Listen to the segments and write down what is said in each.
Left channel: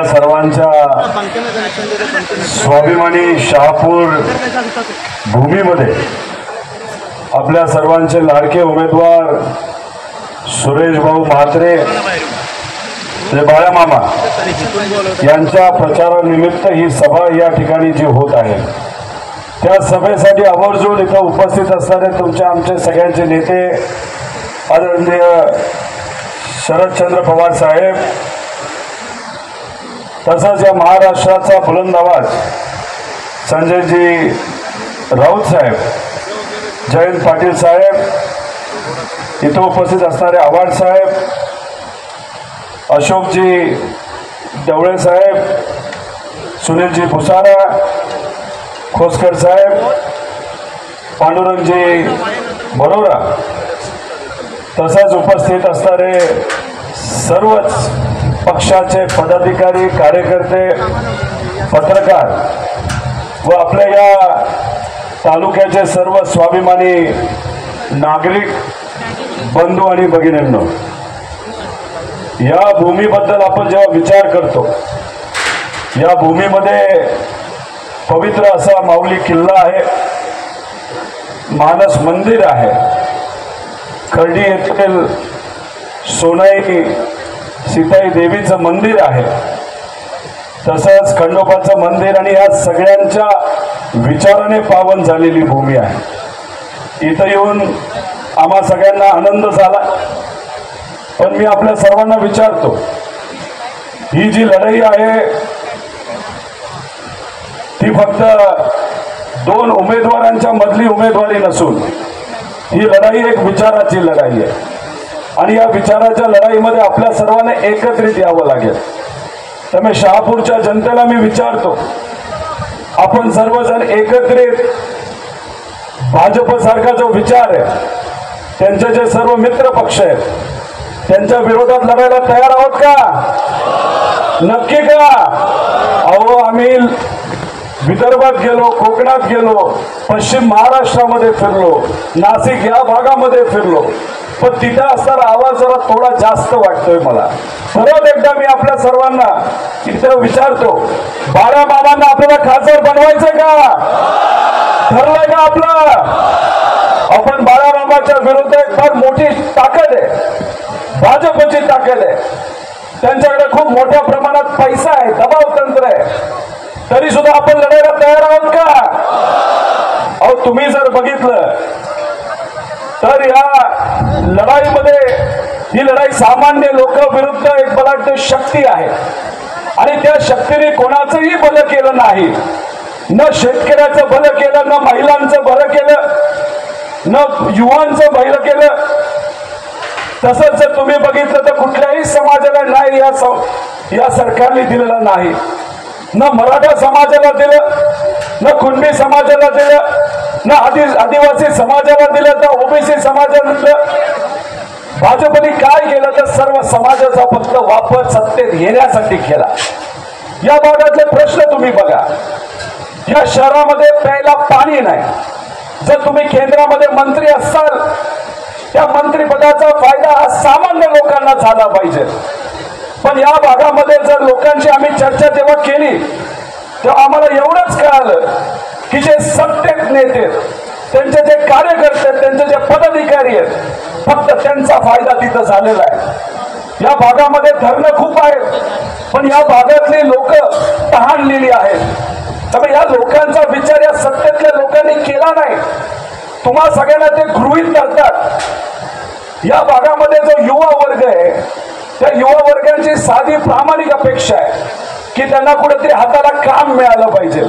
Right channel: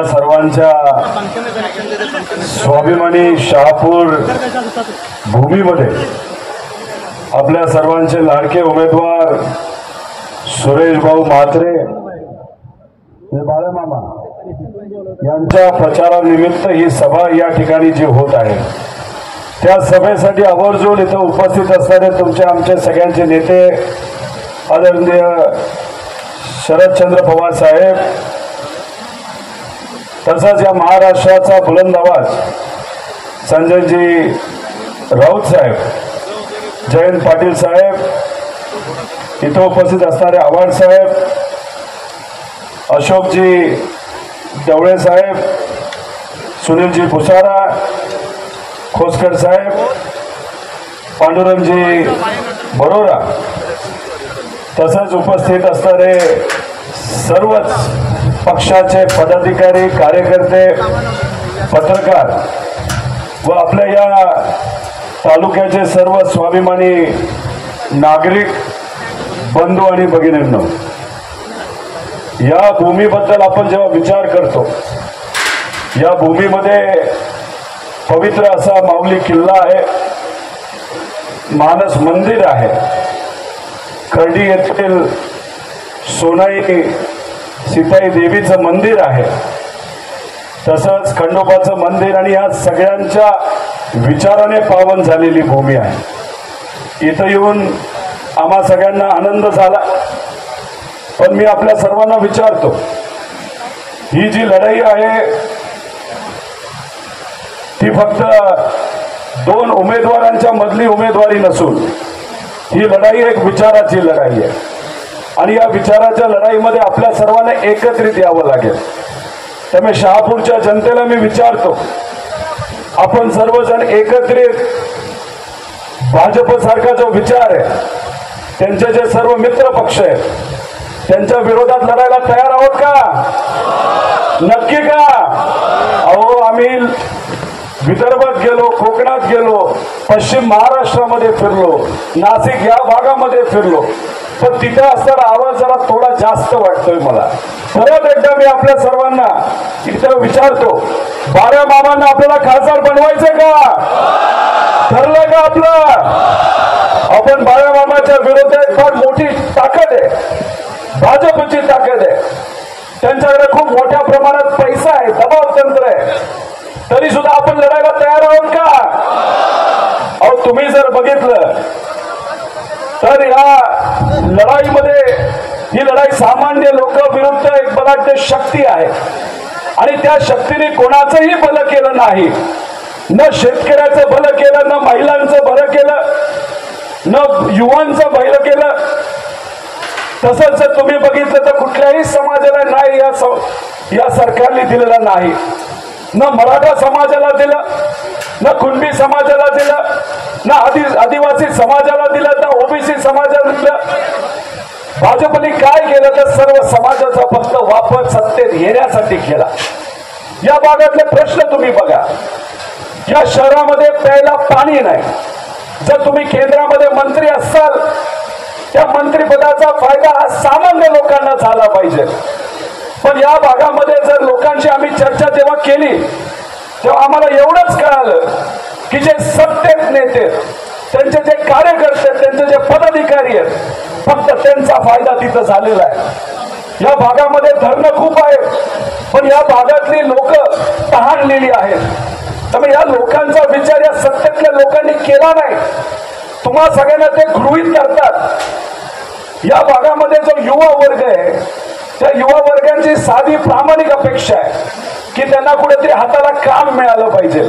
आपल्या सर्वांच्या स्वाभिमानी शहापूर भूमीमध्ये आपल्या सर्वांचे लाडके उमेदवार सुरेश भाऊ म्हात्रे बाळा मामा यांच्या प्रचारानिमित्त ही सभा या ठिकाणी जी होत आहे, त्या सभेसाठी आवर्जून इथं उपस्थित असणारे तुमचे आमचे सगळ्यांचे नेते आदरणीय शरदचंद्र पवार साहेब, तसंच या महाराष्ट्राचा बुलंद आवाज संजयजी राऊत साहेब, जयंत पाटील साहेब, इथं उपस्थित असणारे आव्हाड साहेब, अशोकजी ढवळे साहेब, सुनीलजी भुसारा, खोसकर साहेब, पांडुरंगजी बरोरा, तसंच उपस्थित असणारे सर्वच पक्षाचे पदाधिकारी, कार्यकर्ते, पत्रकार व आपल्या या तालुक्याचे सर्व स्वाभिमानी नागरिक बंधू आणि भगिनींनो, या भूमीबद्दल आपण जेव्हा विचार करतो, या भूमीमध्ये पवित्र असा माऊली किल्ला आहे, मानस मंदिर आहे, खर्डी येथील सोनाई सीताई देवीचं मंदिर आहे, तसंच खंडोबाचं मंदिर, आणि या सगळ्यांच्या विचाराने पावन झालेली भूमी आहे. इथं येऊन आम्हा सगळ्यांना आनंद झाला. पण मी आपल्या सर्वांना विचारतो, ही जी लढाई आहे ती फक्त दोन उमेदवारांच्या मधली उमेदवारी नसून ही लढाई एक विचाराची लढाई आहे, आणि या विचाराच्या लढाईमध्ये आपल्या सर्वांना एकत्रित यावं लागेल. त्यामुळे शहापूरच्या जनतेला मी विचारतो, आपण सर्वजण एकत्रित भाजप सारखा जो विचार आहे, त्यांचे जे सर्व मित्र पक्ष आहेत, त्यांच्या विरोधात लढायला तयार आहोत का? नक्की का? अहो, आम्ही विदर्भात गेलो, कोकणात गेलो, पश्चिम महाराष्ट्रामध्ये फिरलो, नाशिक या भागामध्ये फिरलो, पण तिथं असताना आवाज जरा थोडा जास्त वाटतोय मला. परत एकदा मी आपल्या सर्वांना इथं विचारतो, बाळा मामांना आपल्याला खासदार बनवायचं का? ठरलंय का आपलं? आपण बाळा मामाच्या विरोधात फार मोठी ताकद आहे, भाजपची ताकद आहे, त्यांच्याकडे खूप मोठ्या प्रमाणात पैसा आहे, दबाव तंत्र आहे, तरी सुद्धा आपण लढायला तयार आहोत का? अहो, तुम्ही जर बघितलं तर या लढाईमध्ये ही लढाई सामान्य लोक विरुद्ध एक बलाढ्य शक्ती आहे, आणि त्या शक्तीने कोणाचंही भलं केलं नाही. न शेतकऱ्याचं भलं केलं, न महिलांचं भलं केलं, न युवांचं भलं केलं. तसंच जर तुम्ही बघितलं तर कुठल्याही समाजाला न्याय या सरकारने दिलेला नाही. न मराठा समाजाला दिलं, न कुणबी समाजाला दिलं, न आदिवासी समाजाला दिलं, न ओबीसी समाजाला दिलं. भाजपने काय केलं तर सर्व समाजाचा फक्त वापर सत्तेत येण्यासाठी केला. या भागातले प्रश्न तुम्ही बघा. या शहरामध्ये प्यायला पाणी नाही. जर तुम्ही केंद्रामध्ये मंत्री असाल, त्या मंत्रिपदाचा फायदा हा सामान्य लोकांना झाला पाहिजे. पण या भागामध्ये जर लोकांची आम्ही चर्चा जेव्हा केली, तेव्हा आम्हाला एवढंच कळालं की जे सत्तेत नेते, त्यांचे जे कार्यकर्ते, त्यांचे जे पदाधिकारी आहेत, फक्त त्यांचा फायदा तिथं झालेला आहे. या भागामध्ये धरणं खूप आहेत, पण या भागातली लोक तहानलेली आहेत. त्यामुळे या लोकांचा विचार या सत्तेतल्या लोकांनी केला नाही. तुम्हा सगळ्यांना ते गृहीत करतात. या भागामध्ये जो युवा वर्ग आहे, त्या युवा वर्गांची साधी प्रामाणिक अपेक्षा आहे की त्यांना कुठेतरी हाताला काम मिळालं पाहिजे.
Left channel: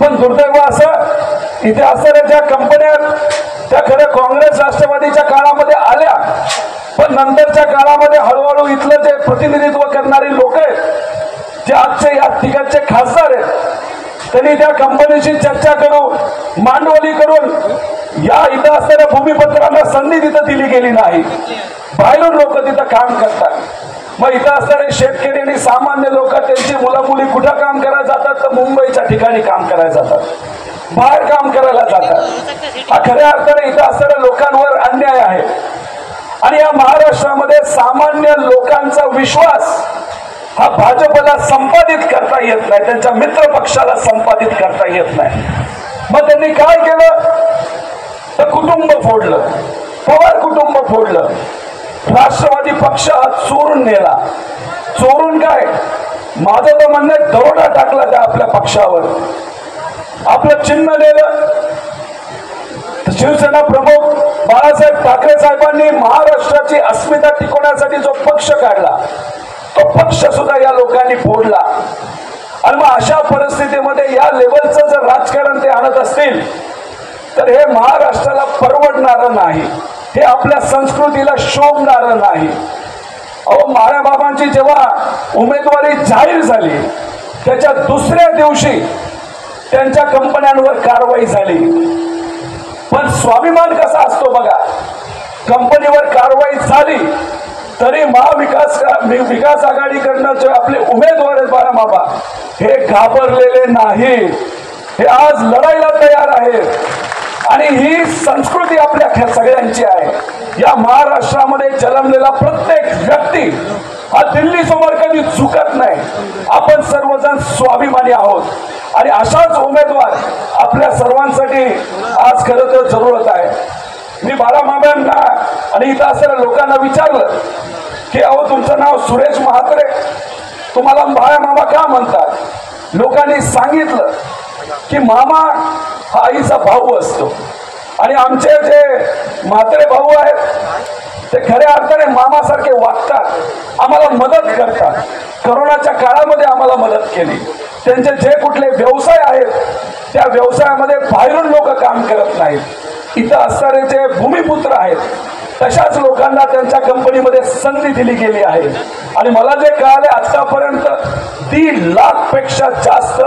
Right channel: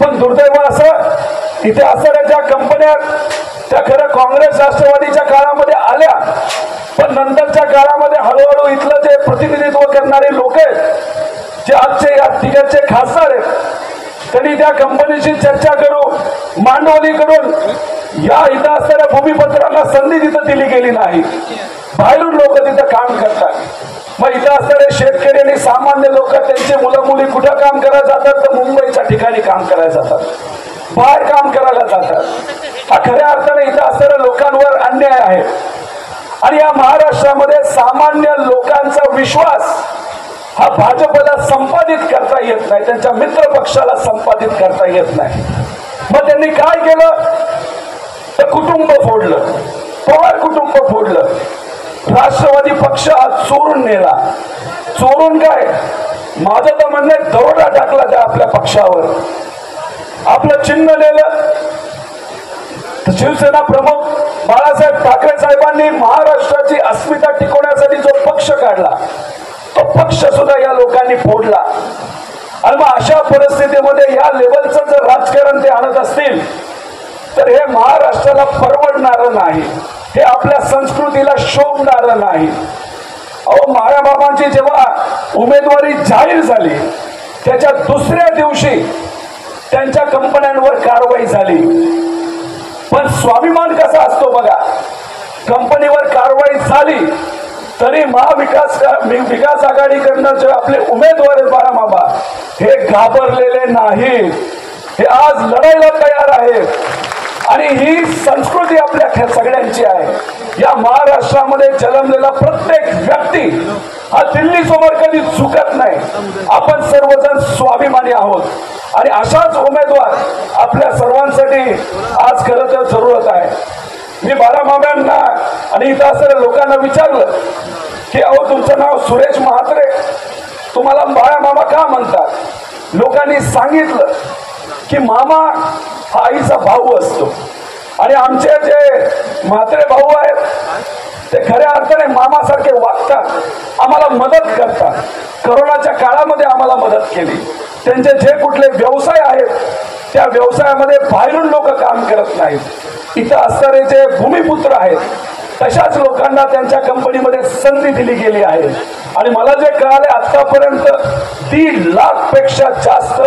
पण दुर्दैव असं, इथे असणाऱ्या ज्या कंपन्या त्या खरं काँग्रेस राष्ट्रवादीच्या काळामध्ये आल्या, पण नंतरच्या काळामध्ये हळूहळू इथलं जे प्रतिनिधित्व करणारे लोक आहेत, जे आजचे या ठिकाणचे खासदार आहेत, त्यांनी त्या कंपनीशी चर्चा करून, मांडवली करून या इथं असणाऱ्या भूमिपत्रांना संधी तिथं दिली गेली नाही. बाहेरून लोक तिथं काम करतात. मग इथं असणारे शेतकरी आणि सामान्य लोक, त्यांची मुलं मुली कुठं काम करायला जातात तर मुंबईच्या ठिकाणी काम करायला जातात, बाहेर काम करायला जातात. हा खऱ्या अर्थाने इथं असणाऱ्या लोकांवर अन्याय आहे. आणि या महाराष्ट्रामध्ये सामान्य लोकांचा विश्वास हा भाजपला संपादित करता येत नाही, त्यांच्या मित्र पक्षाला संपादित करता येत नाही. मग त्यांनी काय केलं तर कुटुंब फोडलं, पवार कुटुंब फोडलं, राष्ट्रवादी पक्ष आज चोरून नेला. चोरून काय, माझं तर म्हणणं आहे दरोडा टाकला त्या आपल्या पक्षावर, आपलं चिन्ह नेलं. शिवसेना प्रमुख बाळासाहेब ठाकरे साहेबांनी महाराष्ट्राची अस्मिता टिकवण्यासाठी जो पक्ष काढला तो पक्ष सुद्धा या लोकांनी फोडला. आणि मग अशा परिस्थितीमध्ये या लेवलचं जर राजकारण ते आणत असतील तर हे महाराष्ट्राला परवडणारं नाही, हे आपल्या संस्कृतीला शोभणारं नाही. अहो, माराबाबांची जेव्हा उमेदवारी जाहीर झाली त्याच्या दुसऱ्या दिवशी त्यांच्या कंपन्यांवर कारवाई झाली. पण स्वाभिमान कसा असतो बघा, कंपनीवर कारवाई झाली तरी विकास आघाडीकडनं जे आपले उमेदवार आहेत बाळामामा हे घाबरलेले नाहीत, हे आज लढायला तयार आहेत. आणि ही संस्कृती आपल्या सगळ्यांची आहे. या महाराष्ट्रामध्ये जन्मलेला प्रत्येक व्यक्ती हा दिल्ली समोर कधी झुकत नाही. आपण सर्वजण स्वाभिमानी आहोत आणि अशाच उमेदवार आपल्या सर्वांसाठी आज खरं तर जरूरत आहे. मी बाळामामांना आणि इथं असणाऱ्या लोकांना विचारलं की अहो, तुमचं नाव सुरेश म्हात्रे, तुम्हाला बाळामामा का म्हणतात? लोकांनी सांगितलं की मामा हा आईचा भाऊ असतो आणि आमचे जे म्हात्रे भाऊ आहेत ते खऱ्या अर्थाने मामासारखे वागतात, आम्हाला मदत करतात. कोरोनाच्या काळामध्ये आम्हाला मदत केली. त्यांचे जे कुठले व्यवसाय आहेत त्या व्यवसायामध्ये बाहेरून लोक काम करत नाहीत. इथं असणारे जे भूमिपुत्र आहेत तशाच लोकांना त्यांच्या कंपनीमध्ये संधी दिली गेली आहे. आणि मला जे कळाले आतापर्यंत 1.5 लाखपेक्षा जास्त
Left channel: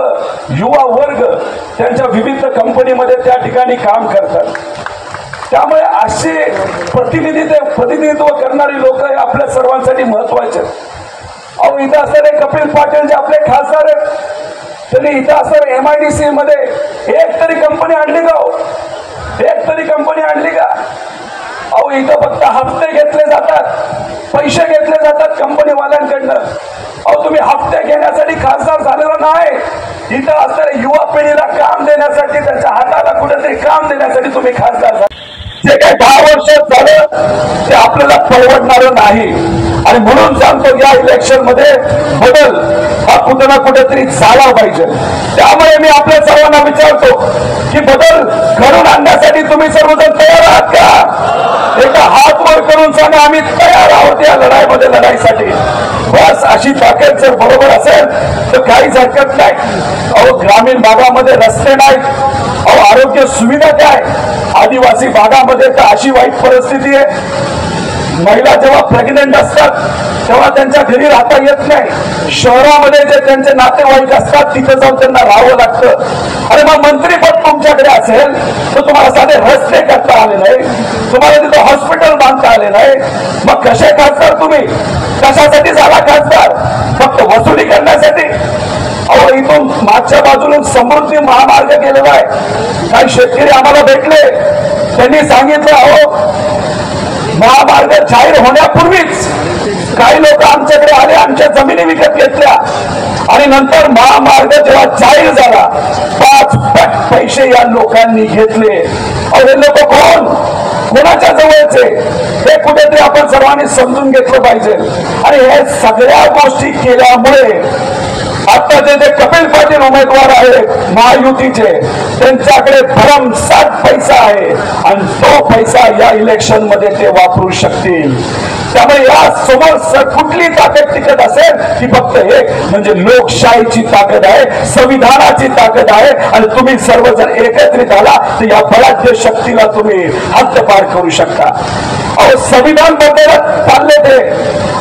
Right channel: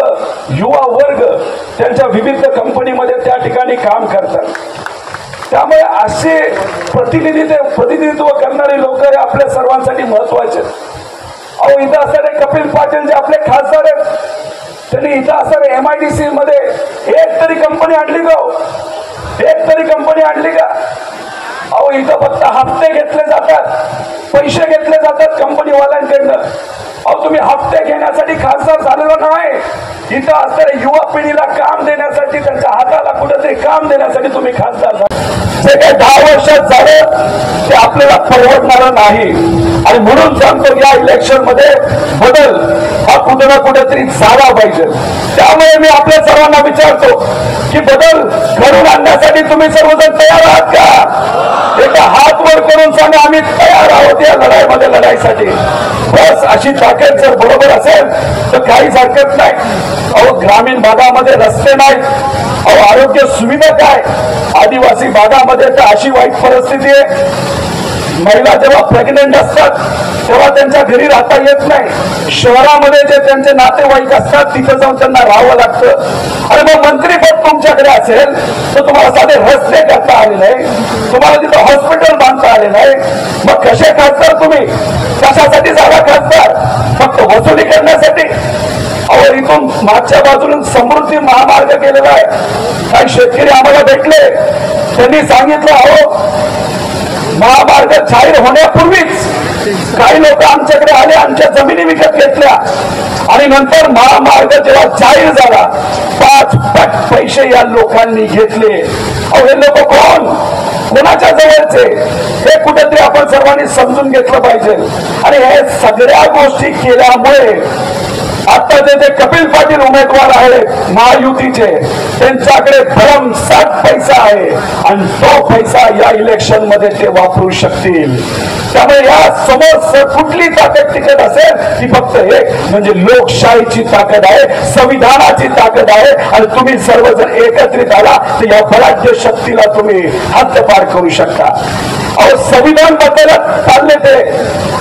युवा वर्ग त्यांच्या विविध कंपनीमध्ये त्या ठिकाणी काम करतात. त्यामुळे असे प्रतिनिधित्व करणारी लोक हे आपल्या सर्वांसाठी महत्वाचे. अहो, इथं असणारे कपिल पाटील जे आपले खासदार आहेत त्यांनी इथं असणारे MIDC मध्ये एक तरी कंपनी आणली का? एक तरी कंपनी आणली का? अहो, इथं फक्त हप्ते घेतले जातात, पैसे घेतले जातात कंपनीवाल्यांकडनं. अहो, तुम्ही हप्ते घेण्यासाठी खासदार झालेला नाही, इथं असणाऱ्या युवा पिढीला काम देण्यासाठी, त्यांच्या हाताला कुठेतरी काम देण्यासाठी तुम्ही खासदार झाला. जे काही 10 वर्षात झालं ते आपल्याला परवडणार नाही. आणि म्हणून सांगतो या इलेक्शन मध्ये बदल हा कुठे ना कुठेतरी झाला पाहिजे. त्यामुळे मी आपल्या सर्वांना विचारतो की बदल घडून आणण्यासाठी तुम्ही सर्वजण तयार आहात का? एका हात वर करून सांगा आम्ही तयार आहोत या लढाईमध्ये लढाईसाठी. बस अशी ताकद जर बरोबर असेल तर काहीच हरकत नाही. अहो, ग्रामीण भागामध्ये रस्ते नाहीत, अहो आरोग्य सुविधा काय, आदिवासी भागामध्ये तर अशी वाईट परिस्थिती आहे, महिला जेव्हा प्रेग्नेंट असतात तेव्हा त्यांच्या घरी राहता येत नाही. शहरामध्ये जे त्यांचे नातेवाईक असतात तिथे जाऊन त्यांना राहावं लागतं. अरे मग मंत्रीपद तुमच्याकडे असेल तर तुम्हाला साधे रस्ते करता आले नाही, तुम्हाला तिथं हॉस्पिटल बांधता आले नाही, मग कसे खासदार तुम्ही? कशासाठी झाला खासदार? फक्त वसुली करण्यासाठी? अहो, इथून मागच्या बाजूला समृद्धी महामार्ग केलेला आहे. काही शेतकरी आम्हाला भेटले, त्यांनी सांगितलं अहो महामार्ग जाहीर होण्यापूर्वीच काही लोक आमच्याकडे आले, आमच्या जमिनी विकत घेतल्या आणि नंतर महामार्ग जेव्हा जाहीर झाला 5 पट पैसे या लोकांनी घेतले. हे लोक कोण, कोणाच्या जवळचे, हे कुठेतरी आपण सर्वांनी समजून घेतलं पाहिजे. आणि हे सगळ्या गोष्टी केल्यामुळे आता जे कपिल पाटील उमेदवार आहेत महायुतीचे त्यांच्याकडे भरमसाठ पैसा आहे आणि तो पैसा या इलेक्शन मध्ये ते वापरू शकतील. त्यामुळे या समोर कुठली ताकद टिकत असेल ती फक्त एक म्हणजे लोकशाहीची ताकद आहे, संविधानाची ताकद आहे. आणि तुम्ही सर्वजण एकत्रित आला तर या बलाढ्य शक्तीला तुम्ही हद्दपार करू शकता. अहो, संविधान बदलत चालले ते,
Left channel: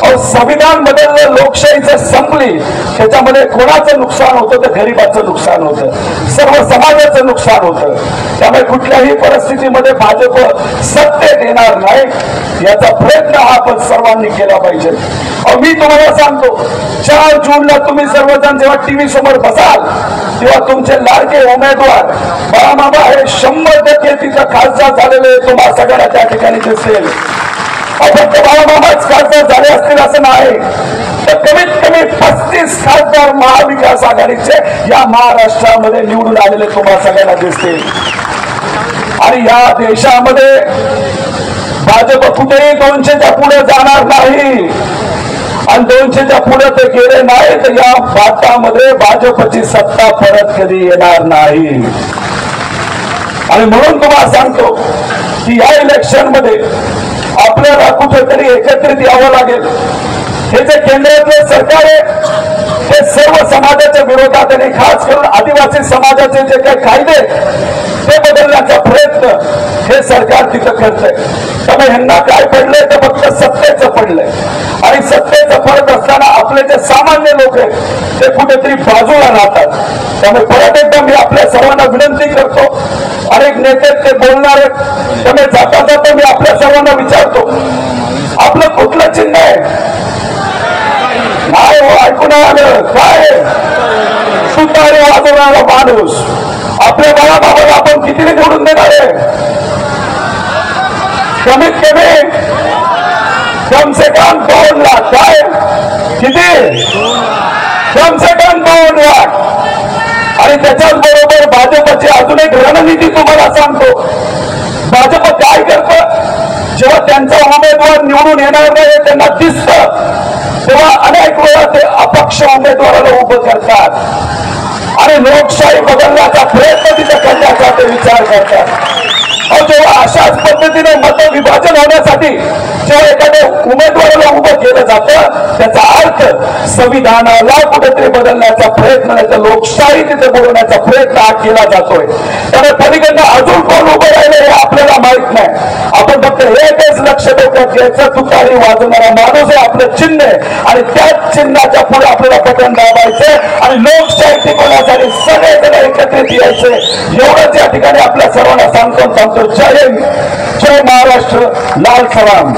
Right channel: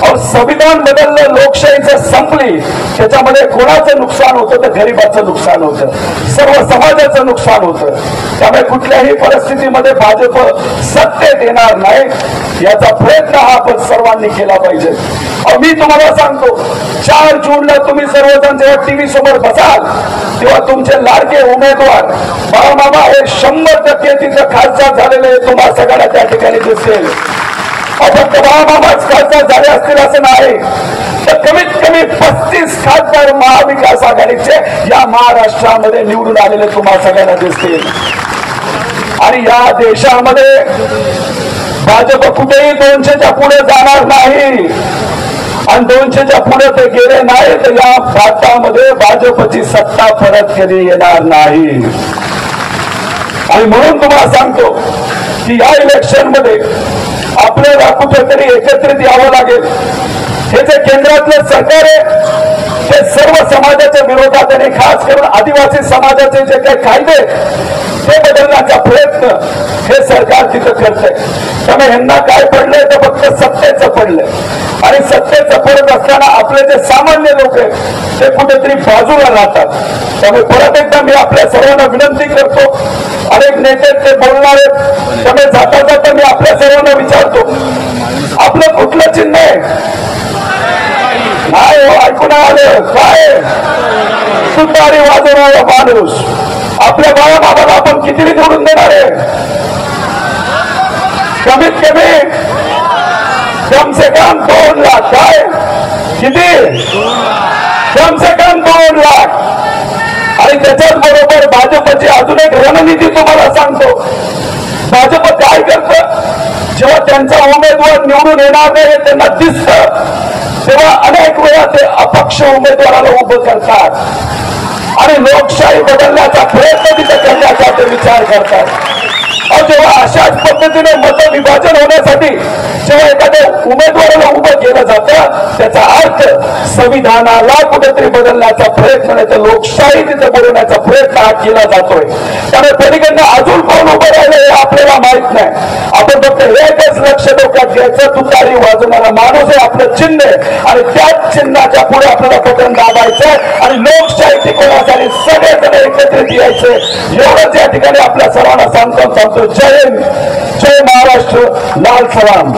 अहो संविधान बदललं, लोकशाहीचं संपली, त्याच्यामध्ये कोणाचं नुकसान होतं तर गरिबाचं नुकसान होतं, सर्व समाजाचं नुकसान होतं. त्यामुळे कुठल्याही परिस्थितीमध्ये भाजप सत्तेत येणार नाही याचा प्रयत्न हा आपण सर्वांनी केला पाहिजे. मी तुम्हाला सांगतो 4 जूनला तुम्ही सर्वजण जेव्हा टीव्ही समोर बसाल तेव्हा तुमचे लाडके उमेदवार बाळामामा हे 100% तिथं खासदार झालेले तुम्हाला सगळ्यांना त्या ठिकाणी दिसेल. फक्त बाळामामाच खासदार झाले असतील असं नाही, तर कमीत कमी 35 खासदार महाविकास आघाडीचे या महाराष्ट्रामध्ये निवडून आलेले तुम्हाला सगळ्यांना दिसतील. आणि या देशामध्ये भाजप कुठेही 200च्या पुढे जाणार नाही. आणि 200च्या पुढे ते गेले नाही तर या भारतामध्ये भाजपची सत्ता परत कधी येणार नाही. आणि म्हणून तुम्हाला सांगतो की या इलेक्शन मध्ये आपल्याला कुठेतरी एकत्रित यावं लागेल. हे जे केंद्रातलं सरकार आहे ते सर्व समाजाच्या विरोधात आणि खास करून आदिवासी समाजाचे जे काही कायदे ते बदलण्याचा प्रयत्न हे सरकार तिथं करतंय. त्यामुळे ह्यांना काय पडलंय ते फक्त सत्तेचं पडलंय. आणि सत्तेचं पडत असताना आपले जे सामान्य लोक आहेत ते कुठेतरी बाजूला राहतात. त्यामुळे परत एकदा मी आपल्या सर्वांना विनंती करतो, अनेक नेते ते बोलणार आहेत, त्यामुळे जाता जाता मी आपल्या सर्वांना विचारतो आपलं कुठलं चिन्ह आहे? नाही ऐकून आलं काय? तुतारी वाजवणारा माणूस. आपल्या बाळाबाबाला आपण किती निवडून देणार आहे? कमीत कमी कम से कम 2 लाख. काय किती? कम से कम 2 लाख. आणि त्याच्याच बरोबर भाजपची अजून एक रणनीती तुम्हाला सांगतो. भाजप काय करतं, जेव्हा त्यांचा उमेदवार निवडून येणार नाही त्यांना दिसतं तेव्हा अनेक वेळा ते अपक्ष उमेदवाराला उभं करतात आणि लोकशाही बदलण्याचा प्रयत्न तिथे करण्याचा ते विचार करतात. जेव्हा अशाच पद्धतीने मत विभाजन होण्यासाठी जेव्हा एखाद्या उमेदवाराला उभं केलं जातं त्याचा अर्थ संविधानाला कुठेतरी बदलण्याचा प्रयत्न नाही तर लोकशाही तिथे बनवण्याचा प्रयत्न हा केला जातोय. त्यामुळे पलीकडनं अजून कोण उभं राहिले हे आपल्याला माहित नाही. आपण फक्त एकच लक्ष डोक्यात घ्यायचं, तुतारी वाजवणारा माणूस हे आपलं चिन्ह आहे आणि त्याच चिन्हाच्या पुढे आपल्याला बटन दाबायचं आणि लोकशाही टिकवण्यासाठी सगळेजण एकत्रित यायचे. एवढंच या ठिकाणी आपल्या सर्वांना सांगतो. जय हिंद, जय महाराष्ट्र, लाल सलाम.